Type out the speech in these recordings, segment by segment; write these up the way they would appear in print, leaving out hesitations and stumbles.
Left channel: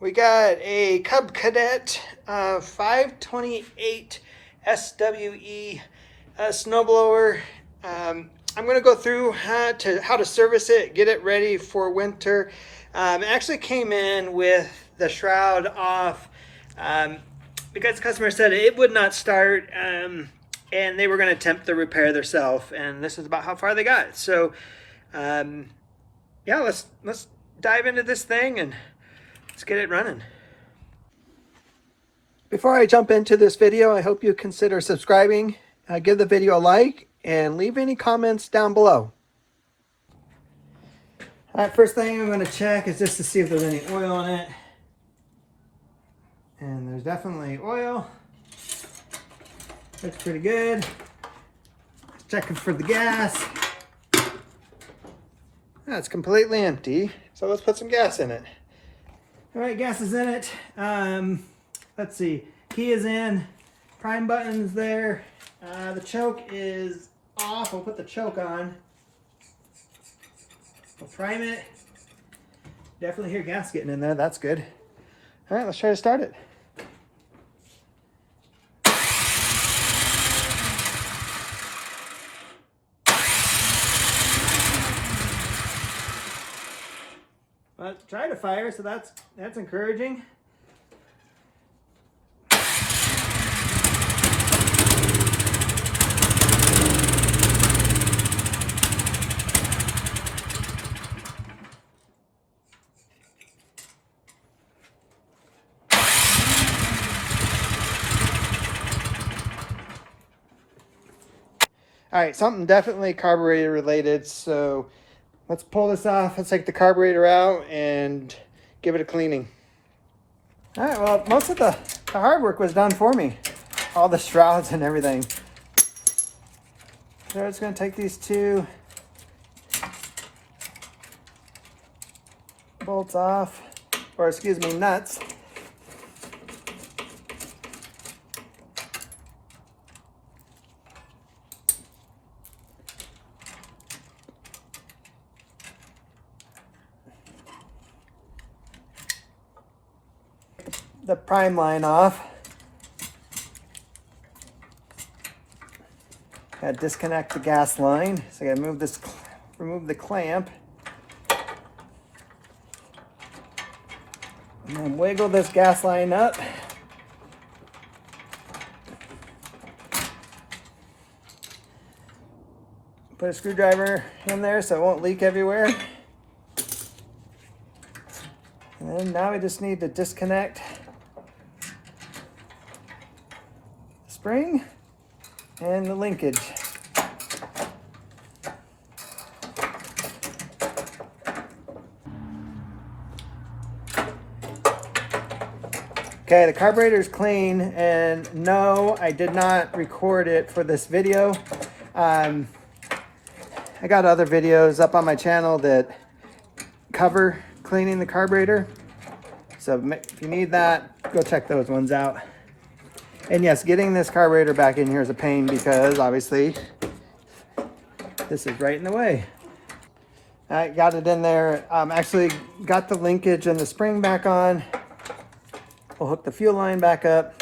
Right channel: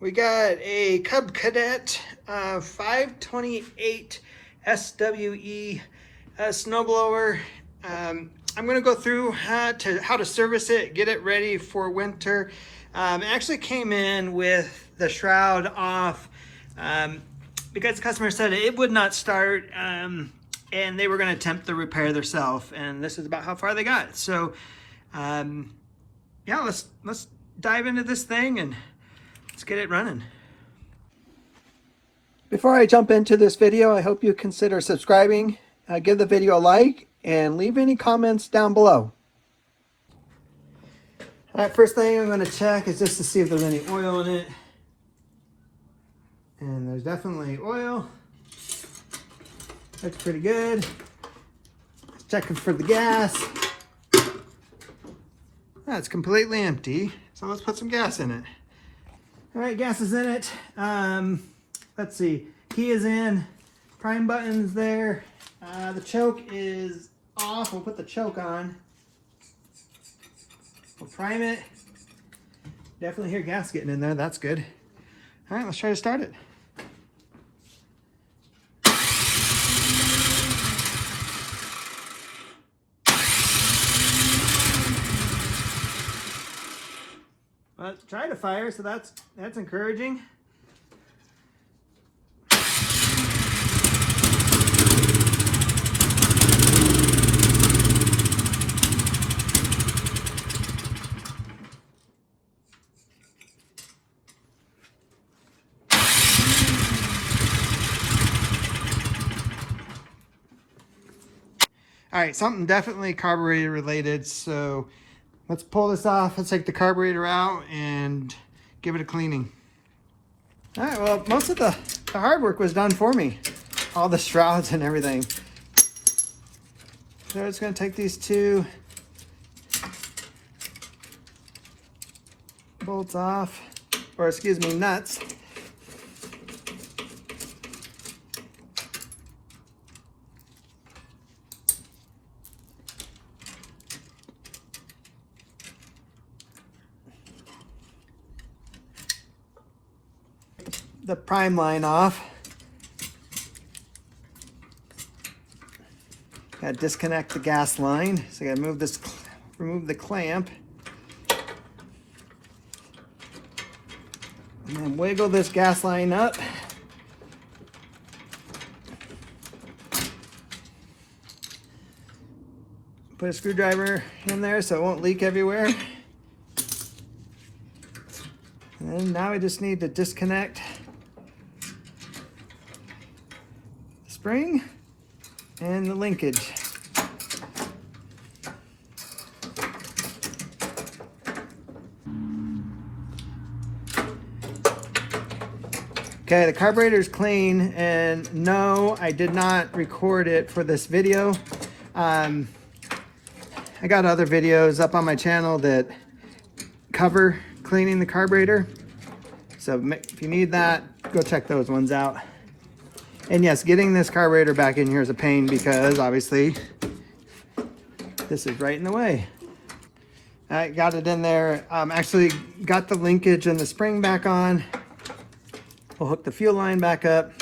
We got a Cub Cadet 528 SWE snowblower. I'm going to go through how to service it, get it ready for winter. It actually came in with the shroud off because the customer said it would not start, and they were going to attempt the repair themselves, and this is about how far they got. So yeah, let's dive into this thing and let's get it running. Before I jump into this video, I hope you consider subscribing, give the video a like, and leave any comments down below. All right, first thing I'm going to check is just to see if there's any oil in it. And there's definitely oil. Looks pretty good. Checking for the gas. Oh, it's completely empty. So let's put some gas in it. All right, gas is in it. Let's see. Key is in. Prime button's there. The choke is off. We'll put the choke on. We'll prime it. Definitely hear gas getting in there. That's good. All right, let's try to start it. Well, try to fire, so that's encouraging. All right, something definitely carburetor related, so let's pull this off. Let's take the carburetor out and give it a cleaning. All right, well, most of the hard work was done for me. All the shrouds and everything. So it's gonna take these two bolts off, or excuse me, nuts. The prime line off. Gotta disconnect the gas line. So I gotta remove the clamp. And then wiggle this gas line up. Put a screwdriver in there so it won't leak everywhere. And then now we just need to disconnect spring and the linkage. Okay, the carburetor is clean, and no, I did not record it for this video. I got other videos up on my channel that cover cleaning the carburetor. So if you need that, go check those ones out. And yes, getting this carburetor back in here is a pain because obviously this is right in the way. I got it in there. Actually got the linkage and the spring back on. We'll hook the fuel line back up.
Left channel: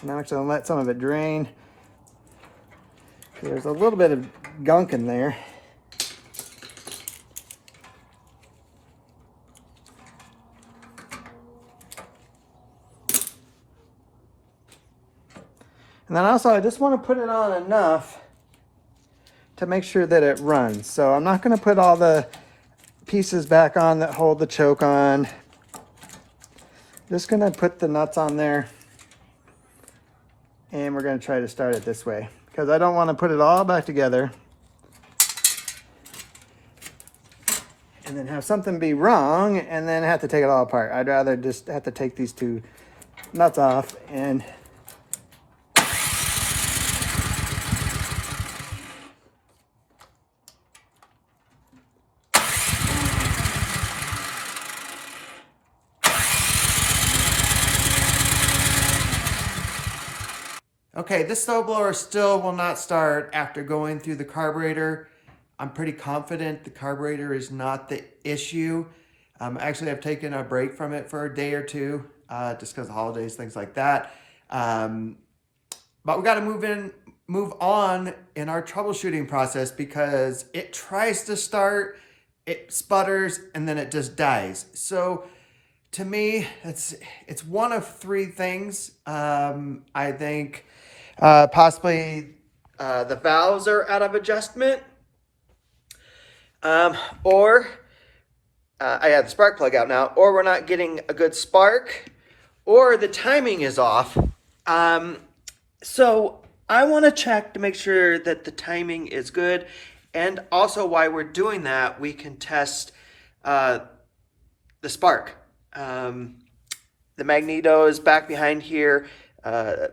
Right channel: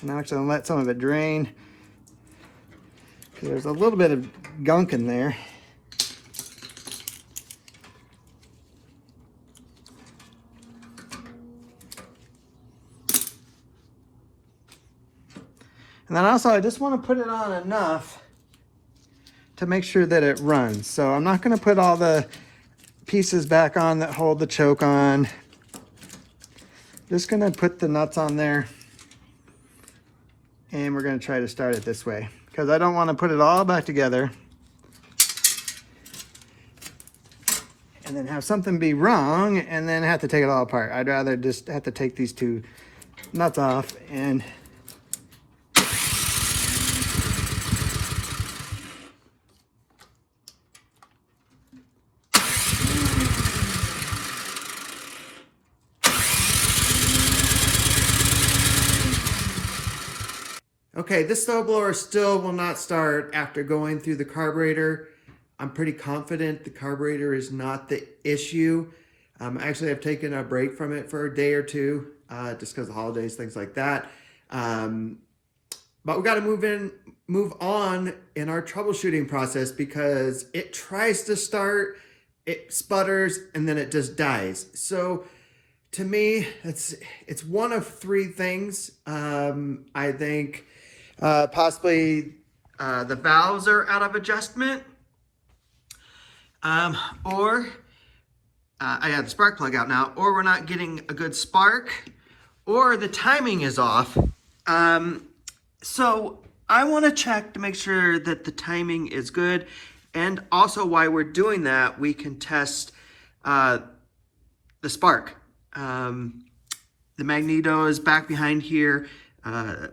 And I'm actually gonna let some of it drain. There's a little bit of gunk in there. And then also, I just want to put it on enough to make sure that it runs. So I'm not going to put all the pieces back on that hold the choke on. Just going to put the nuts on there. And we're going to try to start it this way, because I don't want to put it all back together and then have something be wrong and then have to take it all apart. I'd rather just have to take these two nuts off and okay, this snowblower still will not start after going through the carburetor. I'm pretty confident the carburetor is not the issue. Actually, I've taken a break from it for a day or two, just because of holidays, things like that. But we got to move on in our troubleshooting process, because it tries to start, it sputters, and then it just dies. So to me, it's one of three things. I think possibly the valves are out of adjustment, or I had the spark plug out now, or we're not getting a good spark, or the timing is off. So I want to check to make sure that the timing is good. And also, while we're doing that, we can test the spark. The magneto is back behind here. The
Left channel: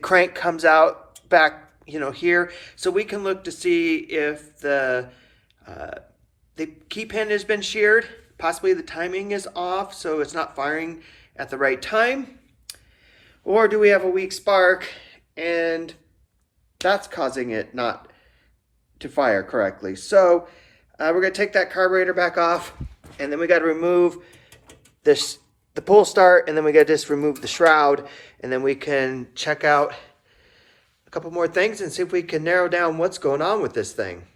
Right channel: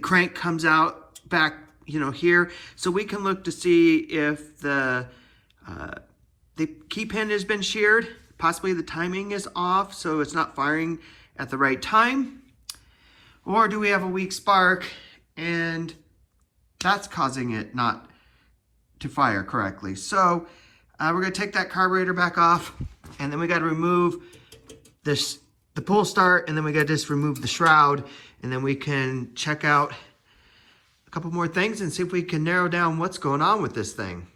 crank comes out back, here. So we can look to see if the key pin has been sheared. Possibly the timing is off, so it's not firing at the right time. Or do we have a weak spark and that's causing it not to fire correctly? So we're going to take that carburetor back off, and then we got to remove the pull start, and then we got to just remove the shroud, and then we can check out a couple more things and see if we can narrow down what's going on with this thing.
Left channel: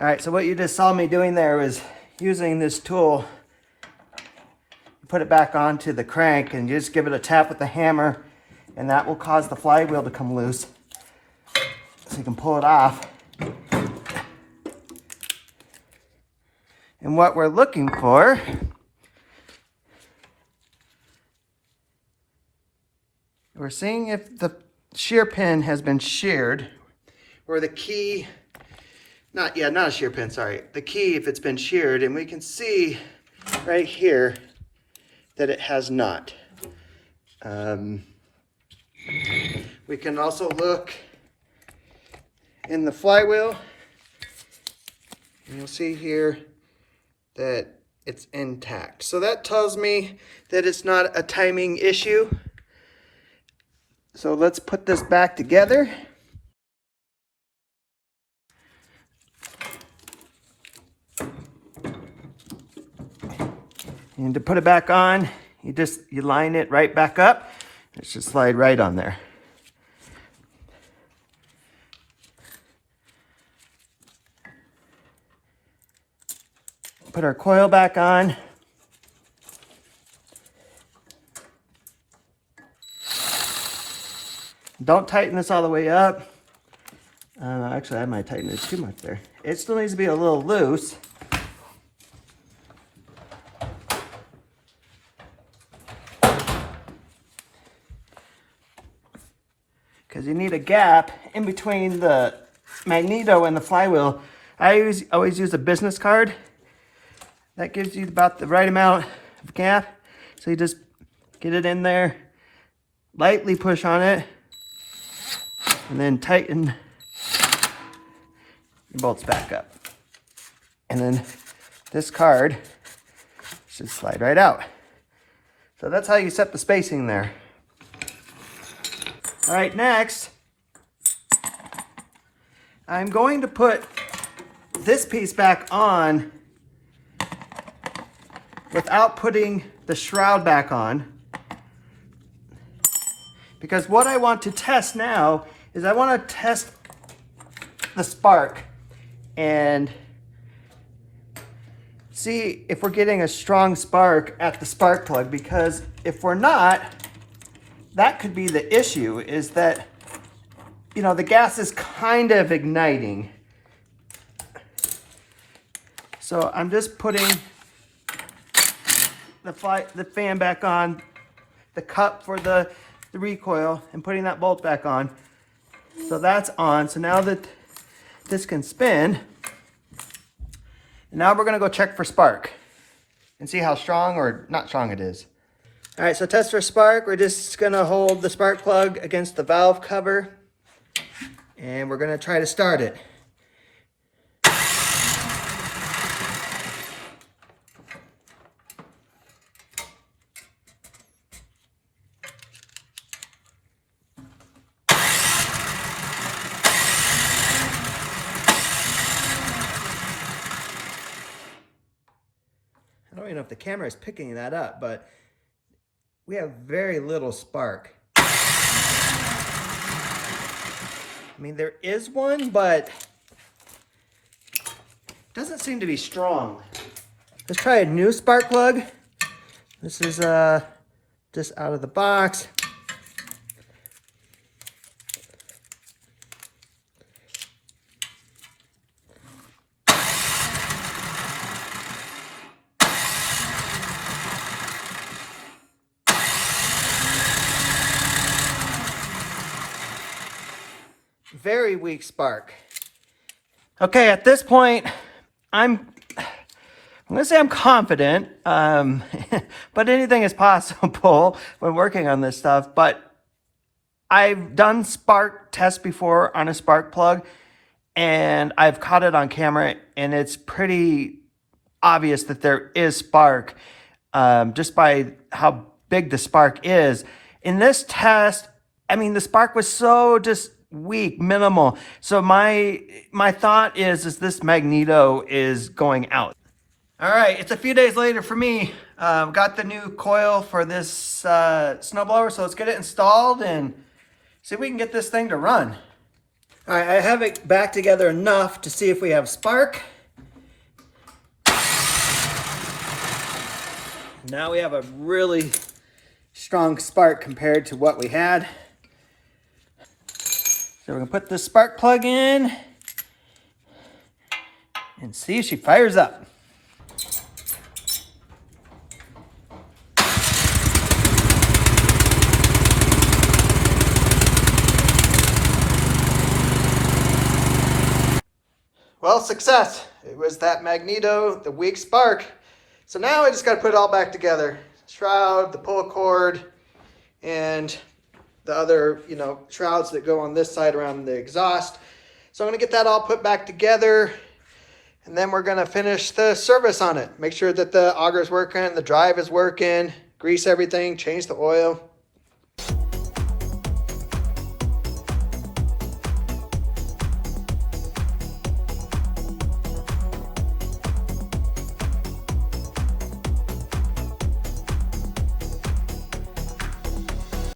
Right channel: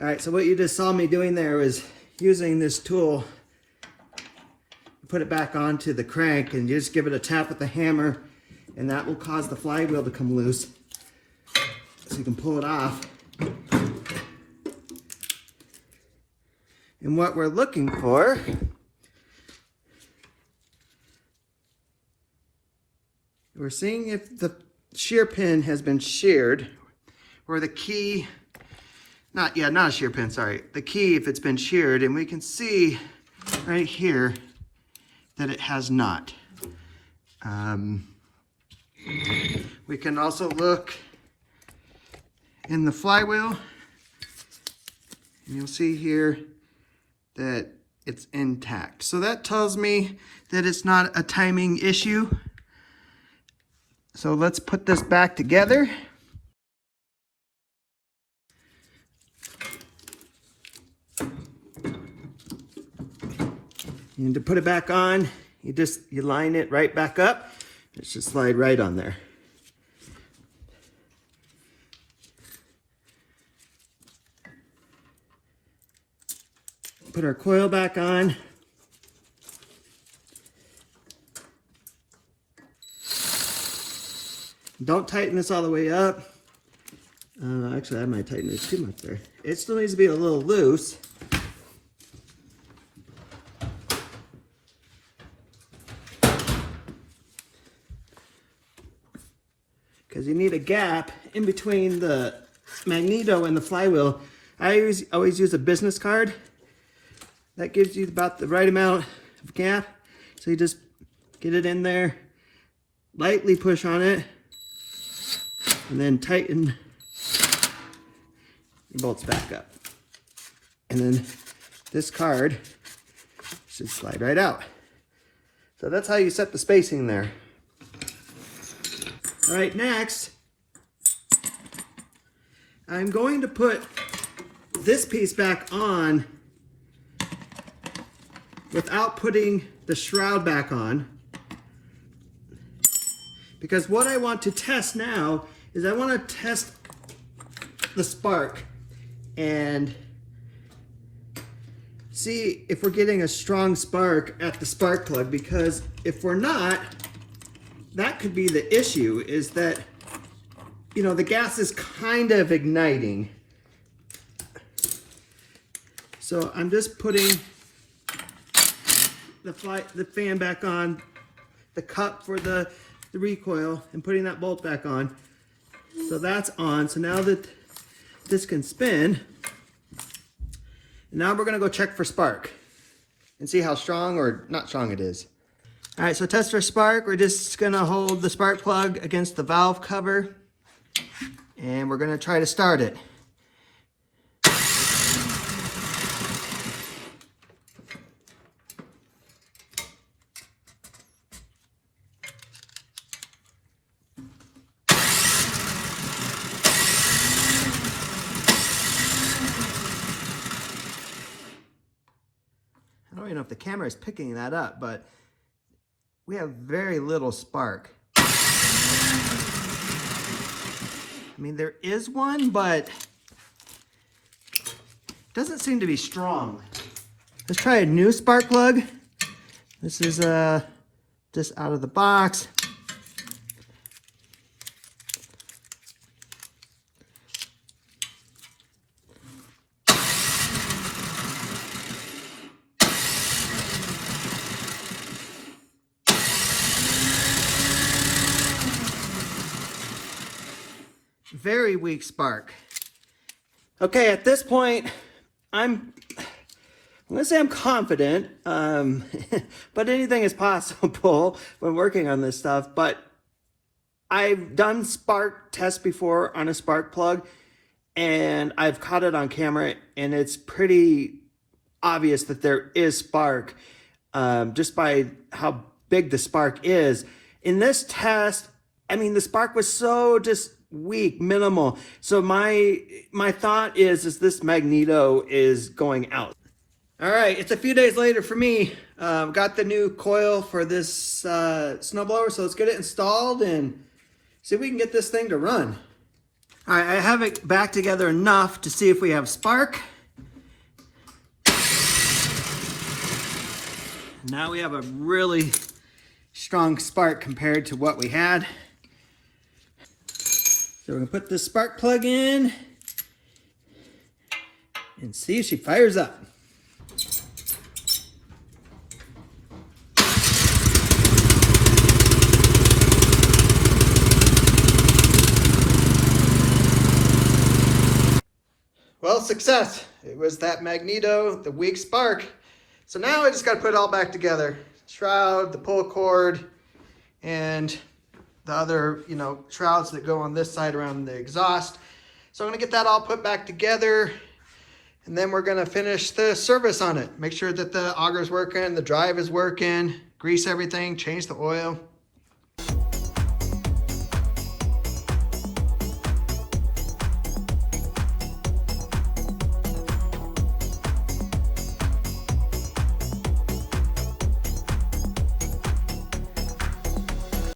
All right, so what you just saw me doing there was using this tool. Put it back onto the crank and you just give it a tap with the hammer, and that will cause the flywheel to come loose. So you can pull it off. And what we're looking for we're seeing if the shear pin has been sheared, or the key, not a shear pin, sorry. The key, if it's been sheared, and we can see right here that it has not. We can also look in the flywheel, and you'll see here that it's intact. So that tells me that it's not a timing issue. So let's put this back together. And to put it back on, you line it right back up. It should slide right on there. Put our coil back on. Don't tighten this all the way up. Actually, I might tighten it too much there. It still needs to be a little loose. Because you need a gap in between the magneto and the flywheel. I always use a business card. That gives you about the right amount of gap. So you just get it in there, lightly push on it, and then tighten your bolts back up. And then this card should slide right out. So that's how you set the spacing there. All right, next, I'm going to put this piece back on without putting the shroud back on, because what I want to test now is I want to test the spark. and see if we're getting a strong spark at the spark plug, because if we're not, that could be the issue, is that, you know, the gas is kind of igniting. So I'm just putting the fan back on, the cup for the recoil, and putting that bolt back on. So that's on. So now that this can spin, and now we're gonna go check for spark and see how strong or not strong it is. All right, so test for spark. We're just gonna hold the spark plug against the valve cover, and we're gonna try to start it. I don't even know if the camera is picking that up, but we have very little spark. I mean, there is one, but it doesn't seem to be strong. Let's try a new spark plug. This is just out of the box. Very weak spark. Okay, at this point, I'm gonna say I'm confident, but anything is possible when working on this stuff. But I've done spark tests before on a spark plug, and I've caught it on camera, and it's pretty obvious that there is spark, just by how big the spark is. In this test, I mean, the spark was so just weak, minimal. So my thought is this magneto is going out. All right, it's a few days later for me. Got the new coil for this snowblower, so let's get it installed and see if we can get this thing to run. All right, I have it back together enough to see if we have spark. Now we have a really strong spark compared to what we had. So we're gonna put the spark plug in and see if she fires up. Well, success. It was that magneto, the weak spark. So now I just gotta put it all back together. Shroud, the pull cord, and the other, you know, shrouds that go on this side around the exhaust. So I'm gonna get that all put back together, and then we're gonna finish the service on it. Make sure that the auger's working, the drive is working, grease everything, change the oil.